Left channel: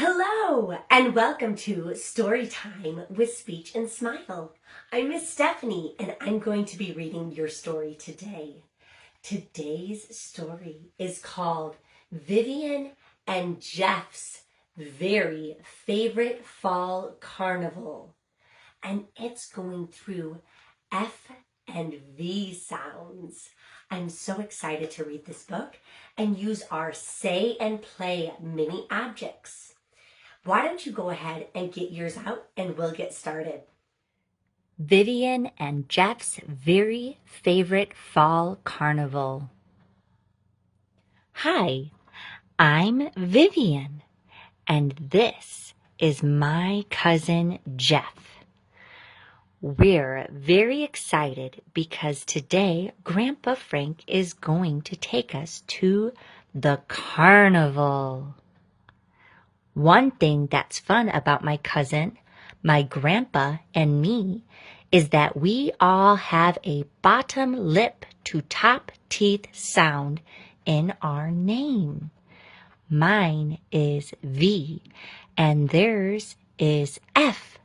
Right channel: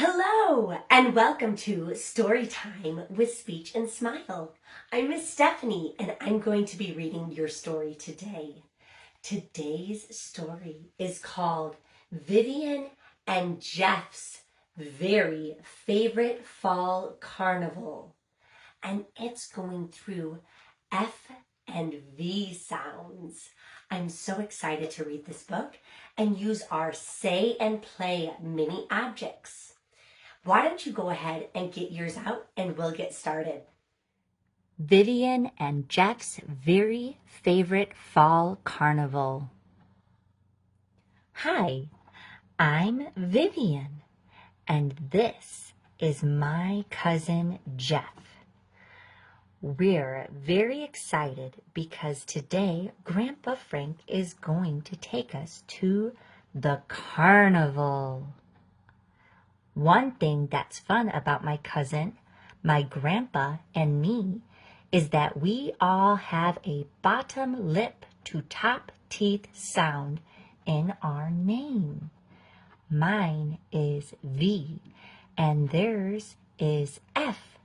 Hello, and welcome to Storytime with Speech and Smile. I'm Miss Stephanie, and I'm going to be reading your story today. Today's story is called Vivien and Jeff's Very Favorite Fall Carnival, and it's going through F and V sounds. I'm so excited to read this book and use our Say and Play mini objects. Why don't you go ahead and get yours out and we'll get started. Vivien and Jeff's Very Favorite Fall Carnival. Hi, I'm Vivien, and this is my cousin Jeff. We're very excited because today Grandpa Frank is going to take us to the carnival. One thing that's fun about my cousin, my grandpa, and me is that we all have a bottom lip to top teeth sound in our name. Mine is V and theirs is F.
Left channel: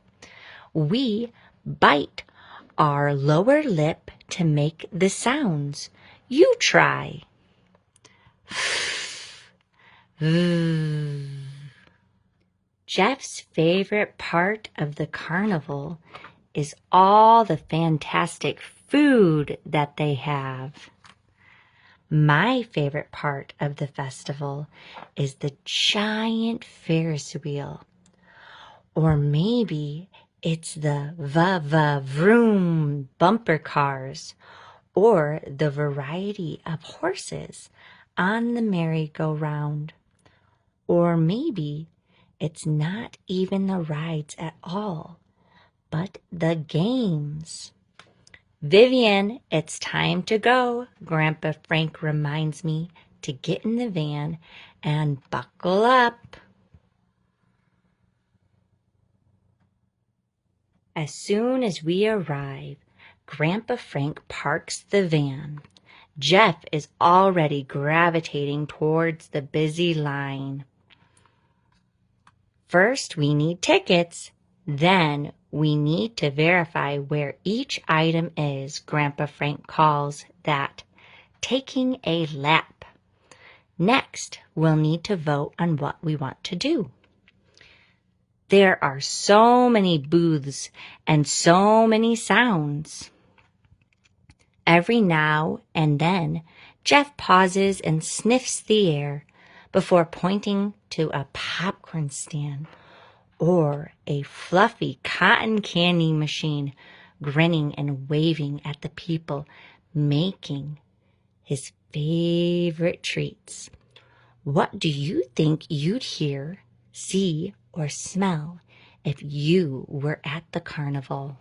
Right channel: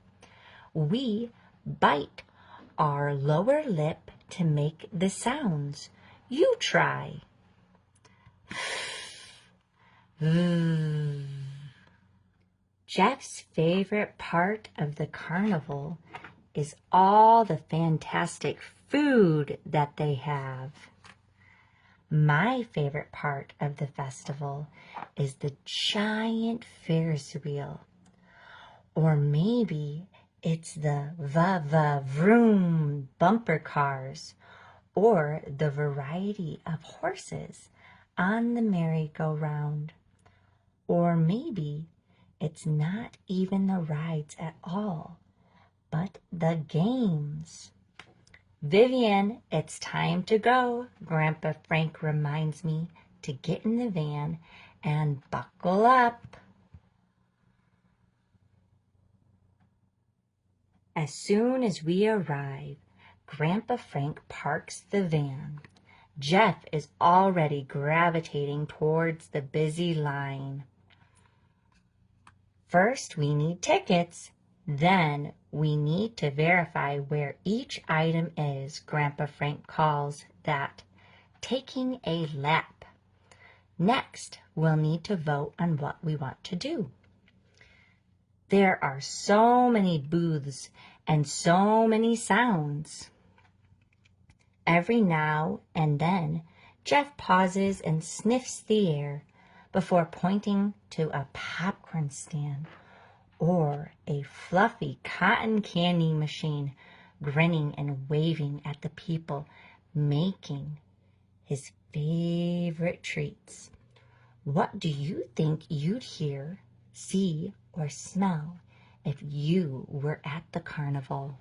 We bite our lower lip to make the sounds. You try. Jeff's favorite part of the carnival is all the fantastic food that they have. My favorite part of the festival is the giant Ferris wheel. Or maybe it's the va-va-vroom bumper cars or the variety of horses on the merry-go-round. Or maybe it's not even the rides at all, but the games. Vivien, it's time to go, Grandpa Frank reminds me to get in the van and buckle up. As soon as we arrive, Grandpa Frank parks the van. Jeff is already gravitating towards the busy line. First, we need tickets. Then, we need to verify where each item is. Grandpa Frank calls that taking a lap. Next, we'll need to vote on what we want to do. There are so many booths and so many sounds. Every now and then, Jeff pauses and sniffs the air before pointing to a popcorn stand or a fluffy cotton candy machine, grinning and waving at the people making his favorite treats. What do you think you'd hear, see, or smell if you were at the carnival?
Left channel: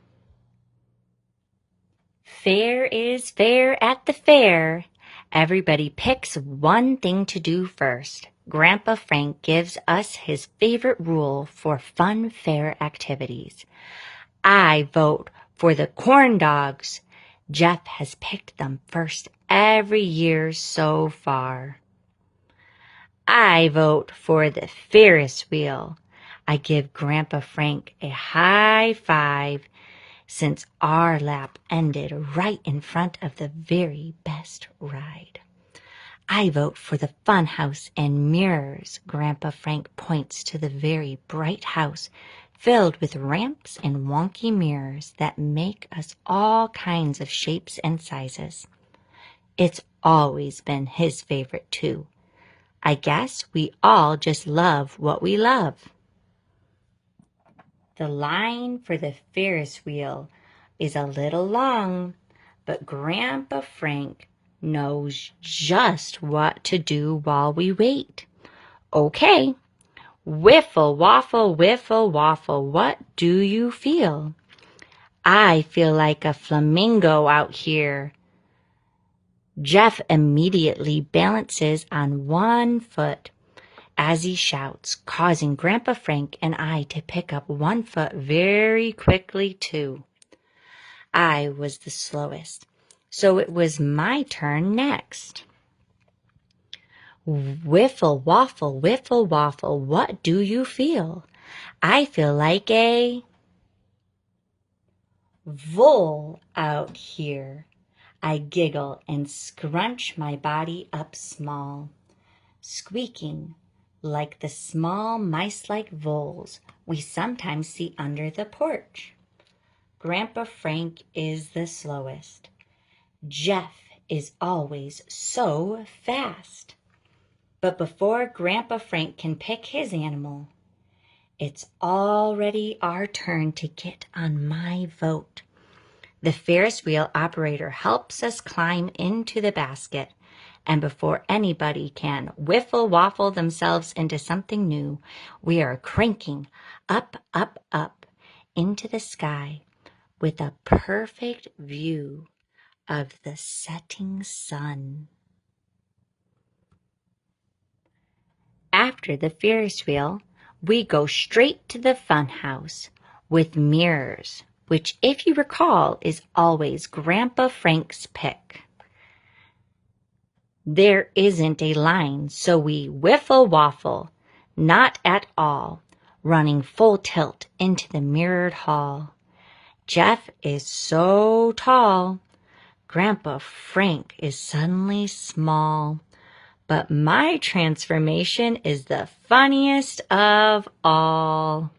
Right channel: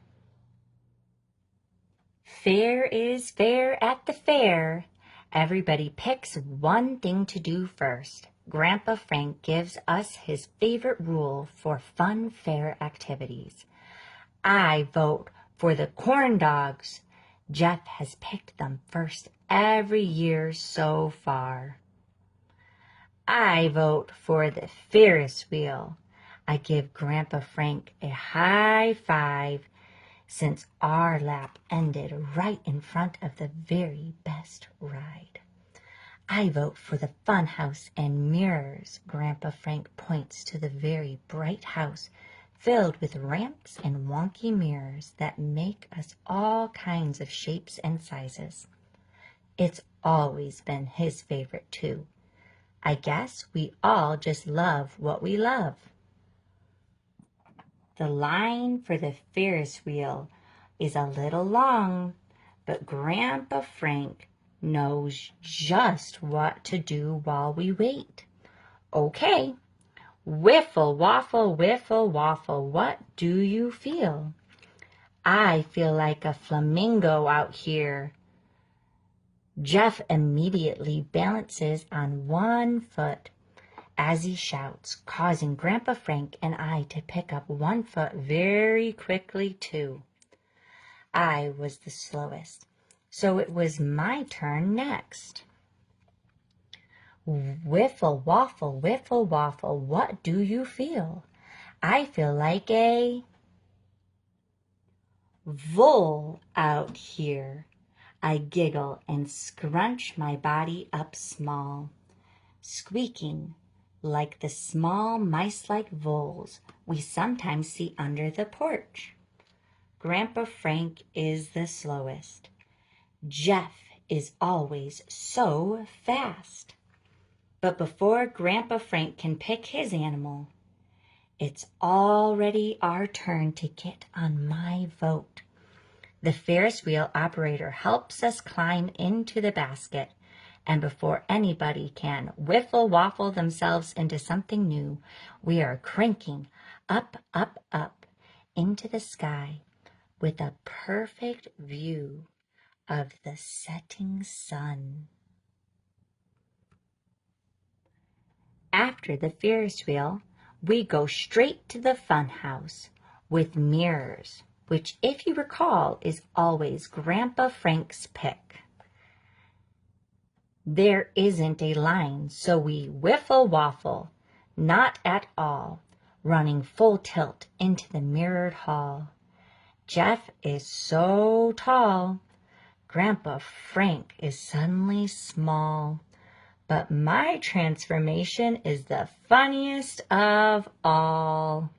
Fair is fair at the fair. Everybody picks one thing to do first. Grandpa Frank gives us his favorite rule for fun fair activities. I vote for the corn dogs. Jeff has picked them first every year so far. I vote for the Ferris wheel. I give Grandpa Frank a high five since our lap ended right in front of the very best ride. I vote for the fun house and mirrors. Grandpa Frank points to the very bright house filled with ramps and wonky mirrors that make us all kinds of shapes and sizes. It's always been his favorite too. I guess we all just love what we love. The line for the Ferris wheel is a little long, but Grandpa Frank knows just what to do while we wait. Okay, whiffle, waffle, what do you feel? I feel like a flamingo out here. Jeff immediately balances on one foot as he shouts, causing Grandpa Frank and I to pick up one foot very quickly too. I was the slowest, so it was my turn next. Whiffle waffle, what do you feel? I feel like a vole out here. I giggle and scrunch my body up small, squeaking like the small mice-like voles we sometimes see under the porch. Grandpa Frank is the slowest. Jeff is always so fast. But before Grandpa Frank can pick his animal, it's already our turn to get on my vote. The Ferris wheel operator helps us climb into the basket, and before anybody can whiffle waffle themselves into something new, we are cranking up, up, up into the sky with a perfect view of the setting sun. After the Ferris wheel, we go straight to the fun house with mirrors, which, if you recall, is always Grandpa Frank's pick. There isn't a line, so we whiffle waffle, not at all, running full tilt into the mirrored hall. Jeff is so tall. Grandpa Frank is suddenly small. But my transformation is the funniest of all.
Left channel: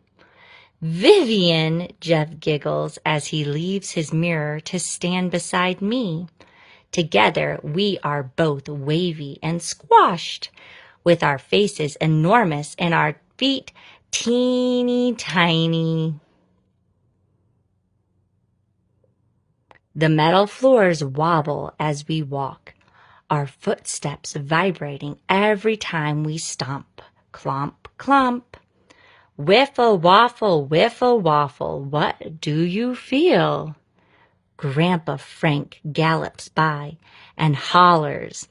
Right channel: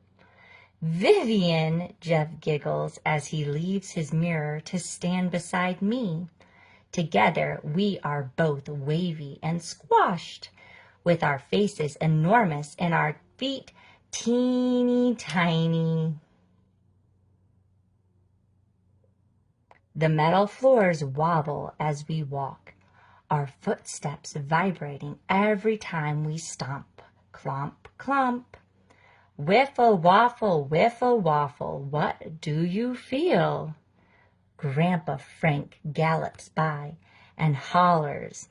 Vivien, Jeff giggles as he leaves his mirror to stand beside me. Together we are both wavy and squashed, with our faces enormous and our feet teeny tiny. The metal floors wobble as we walk, our footsteps vibrating every time we stomp. Clomp, clomp. Whiffle waffle, what do you feel? Grandpa Frank gallops by and hollers,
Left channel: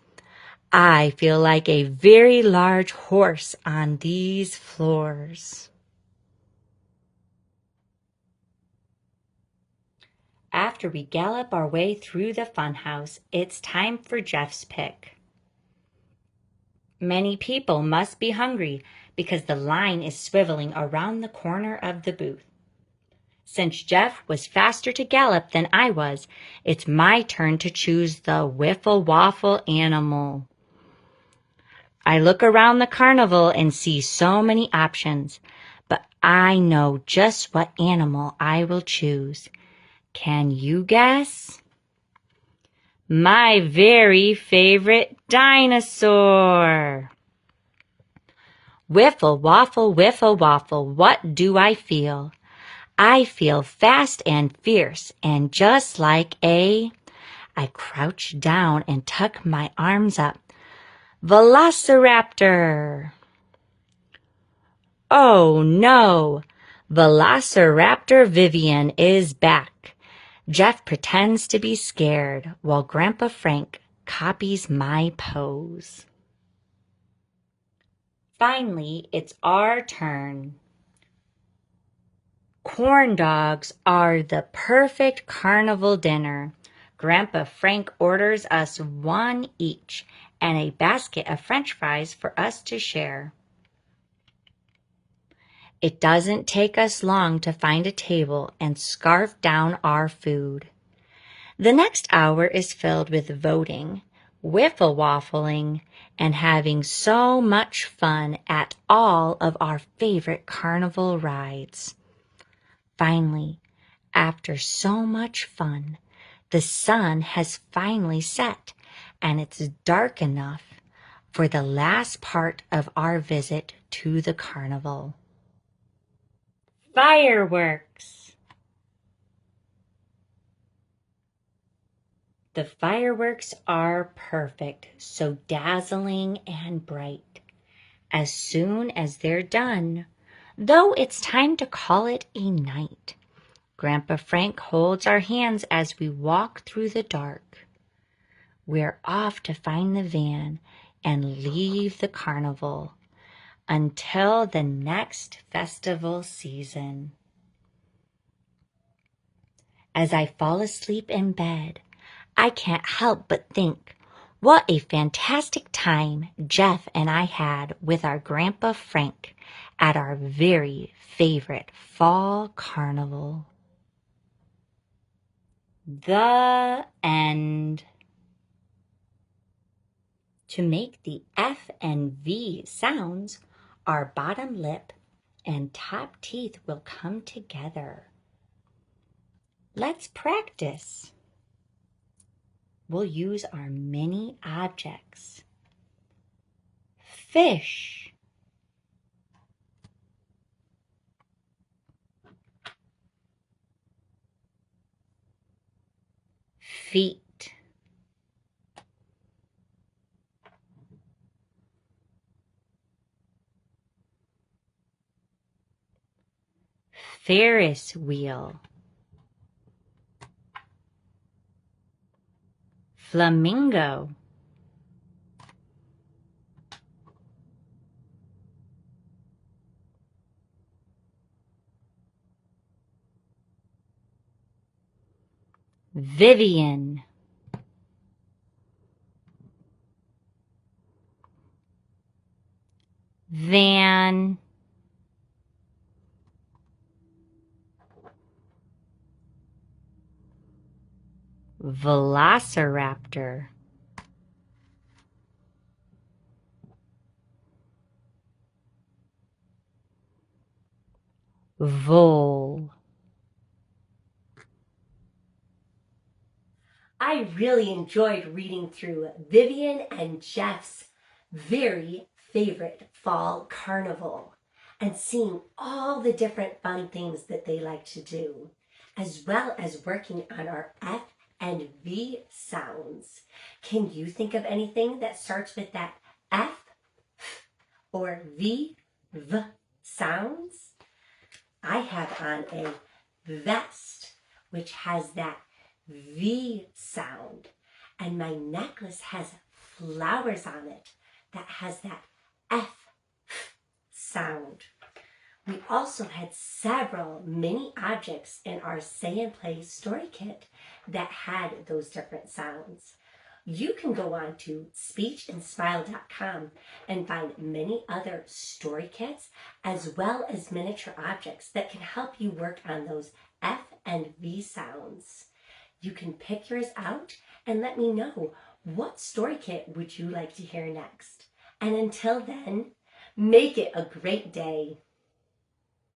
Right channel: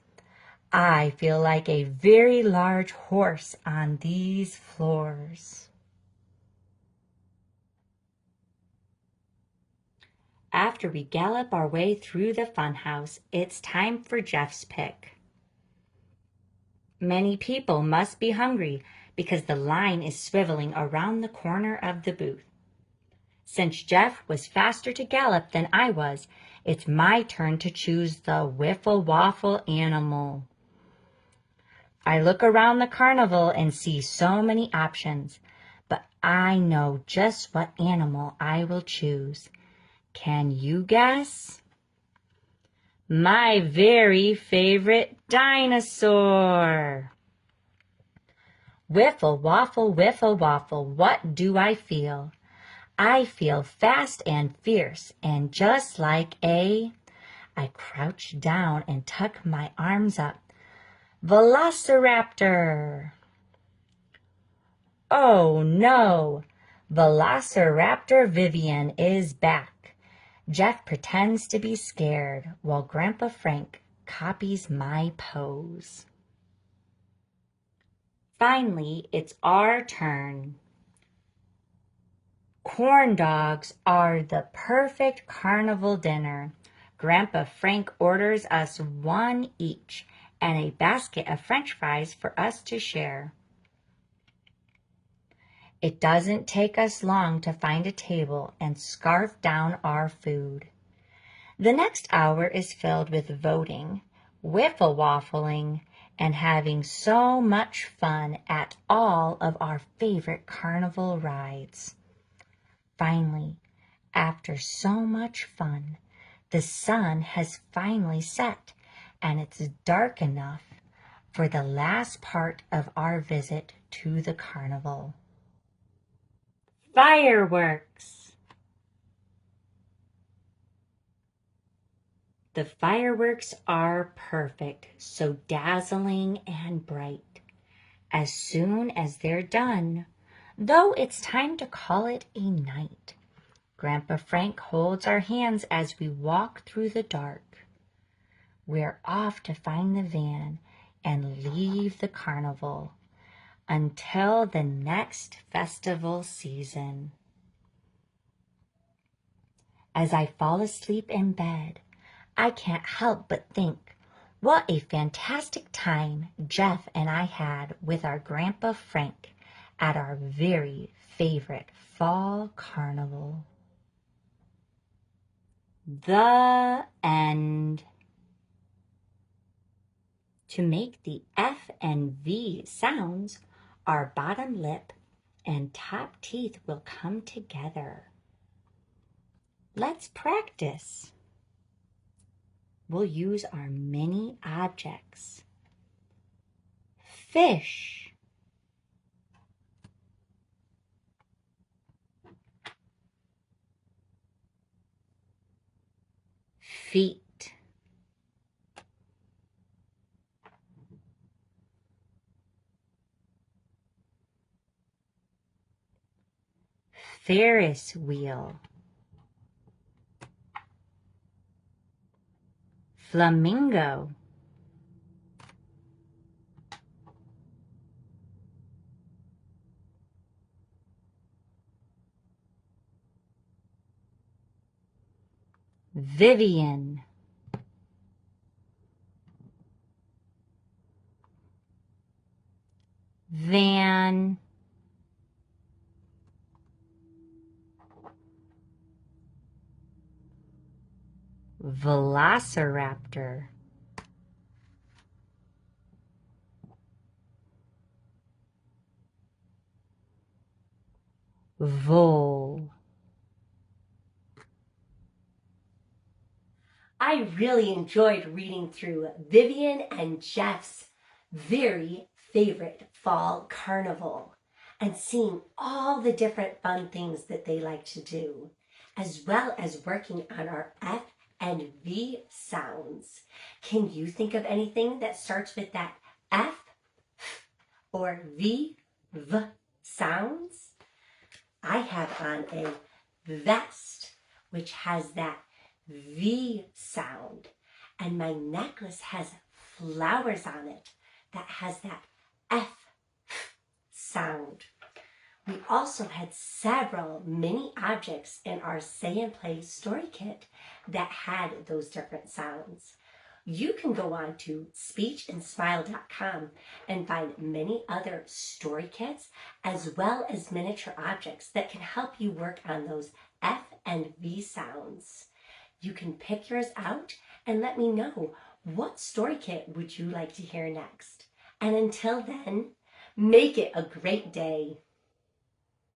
I feel like a very large horse on these floors. After we gallop our way through the funhouse, it's time for Jeff's pick. Many people must be hungry because the line is swiveling around the corner of the booth. Since Jeff was faster to gallop than I was, it's my turn to choose the whiffle waffle animal. I look around the carnival and see so many options, but I know just what animal I will choose. Can you guess? My very favorite dinosaur. Whiffle waffle, what do I feel? I feel fast and fierce and just like I crouch down and tuck my arms up. Velociraptor. Oh no, Velociraptor Vivien is back. Jeff pretends to be scared while Grandpa Frank copies my pose. Finally, it's our turn. Corn dogs are the perfect carnival dinner. Grandpa Frank orders us one each and a basket of French fries for us to share. It doesn't take us long to find a table and scarf down our food. The next hour is filled with voting, whiffle waffling, and having so much fun at all of our favorite carnival rides. Finally, after so much fun, the sun has finally set and it's dark enough for the last part of our visit to the carnival. Fireworks! The fireworks are perfect, so dazzling and bright. As soon as they're done, though it's time to call it a night, Grandpa Frank holds our hands as we walk through the dark. We're off to find the van and leave the carnival until the next festival season. As I fall asleep in bed, I can't help but think, What a fantastic time Jeff and I had with our Grandpa Frank at our very favorite fall carnival. The end. To make the F and V sounds, our bottom lip and top teeth will come together. Let's practice. We'll use our mini objects. Fish. Feet. Ferris wheel. Flamingo. Vivien. Van. Velociraptor. Vole. I really enjoyed reading through Vivien and Jeff's very favorite fall carnival and seeing all the different fun things that they like to do, as well as working on our F and V sounds. Can you think of anything that starts with that F or V sounds? I have on a vest, which has that V sound, and my necklace has flowers on it that has that F sound. We also had several mini objects in our Say and Play story kit that had those different sounds. You can go on to speechthandsmile.com and find many other story kits as well as miniature objects that can help you work on those F and V sounds. You can pick yours out and let me know, what story kit would you like to hear next? And until then, make it a great day.